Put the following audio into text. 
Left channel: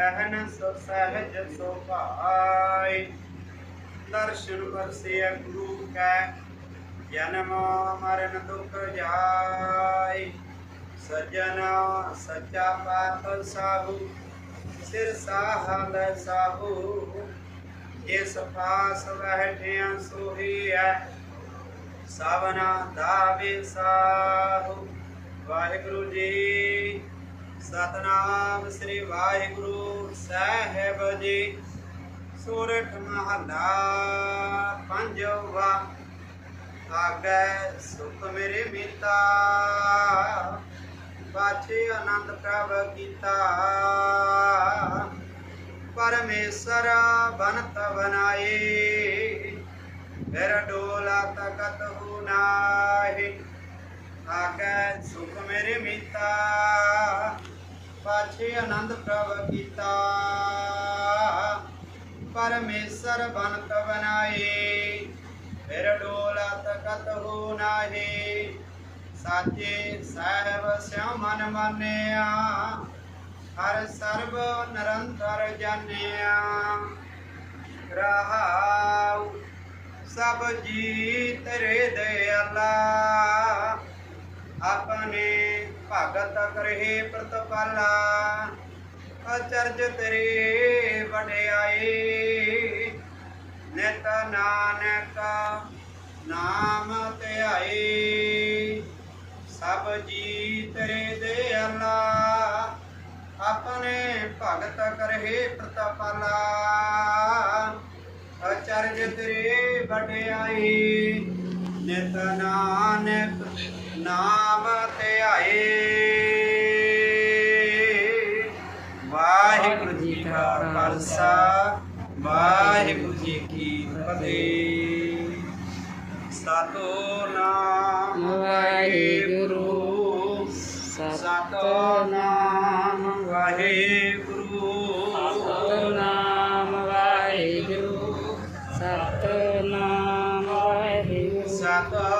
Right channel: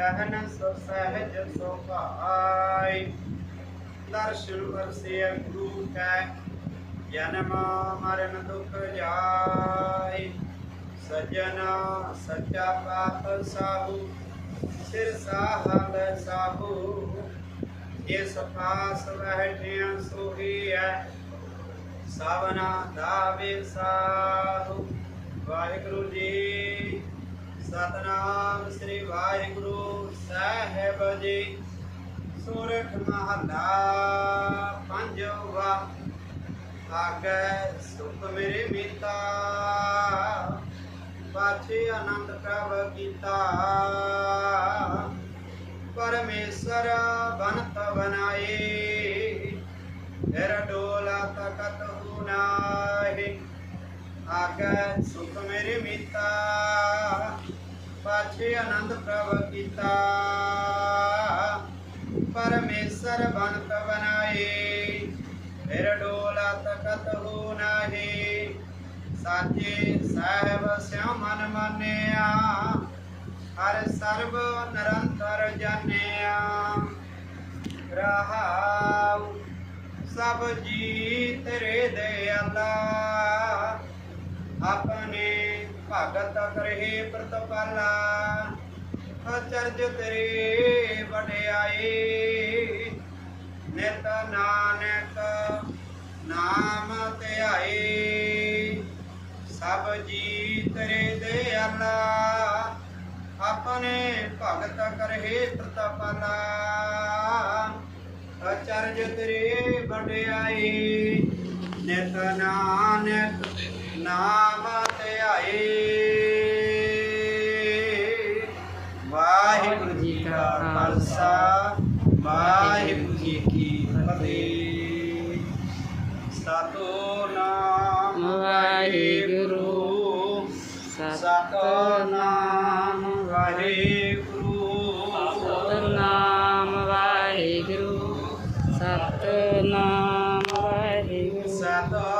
सहन सहज सोपाय दर्शन परसे गुरु का जन्म मरण दुख जाय सजना सच्चा पाप साहू सिर साहल साहू जिस पास बैठे सोही है सावना दावे साहू वाहेगुरु जी ਸਤਨਾਮ ਸ੍ਰੀ ਵਾਹਿਗੁਰੂ ਸਾਹਿਬ ਜੀ ਸੂਰਠ ਮਹਲਾ ਪੰਜਵਾ ਆਗੈ ਸੁਖ ਮੇਰੇ ਮੀਤਾ ਪਾਛੇ ਆਨੰਦ ਪ੍ਰਭ ਕੀਤਾ ਪਰਮੇਸ਼ਰ ਬਨਤ ਬਨਾਏ ਫਿਰ ਡੋਲਾ ਤਕਤ ਹੂ ਨਾਹੀ ਆਗੈ ਸੁਖ ਮੇਰੇ ਮੀਤਾ, ਪਾਛੇ ਆਨੰਦ ਪ੍ਰਭ ਕੀਤਾ। ਪਰਮੇਸ਼ਰ ਬਨਤ ਬਨਾਏ ਫਿਰ ਡੋਲਾ ਤਕਤ ਹੋ ਨਾਹੀ। ਸਾਚੇ ਸਾਹਿਬ ਸਿਉ ਮਨ ਮੰਨਿਆ, ਹਰ ਸਰਬ ਨਿਰੰਤਰ ਜਾਣਿਆ। ਰਹਾਉ ਸਭ ਜੀ ਤੇਰੇ ਦਿਆਲਾ ਆਪਣੇ ਭਗਤ ਕਰਹਿ ਪ੍ਰਤਪਾਲਾ, ਅਚਰਜ ਤੇਰੇ ਵਡਿਆਈ। ਨਿਤ ਨਾਨਕ ਨਾਮ ਧਿਆਈ, ਸਭ ਜੀ ਤੇਰੇ ਦਿਆਲਾ। ਆਪਣੇ ਭਗਤ ਕਰਹਿ ਪ੍ਰਤਪਾਲਾ, ਅਚਰਜ ਤੇਰੇ ਵਡਿਆਈ। ਨਿਤ ਨਾਨਕ ਨਾਮ ਧਿਆਏ ਵਾਹਿਗੁਰੂ ਜੀ ਕਾ ਖਾਲਸਾ ਵਾਹਿਗੁਰੂ ਜੀ ਕੀ ਫਤਿਹ ਸਤੋ ਨਾਮ ਵਾਹਿਗੁਰੂ ਸਤੋ ਨਾਮ ਵਾਹਿਗੁਰੂ ਸਤੋ ਨਾਮ ਵਾਹਿਗੁਰੂ ਸਤੋ ਨਾਮ ਵਾਹਿਗੁਰੂ ਸਤੋ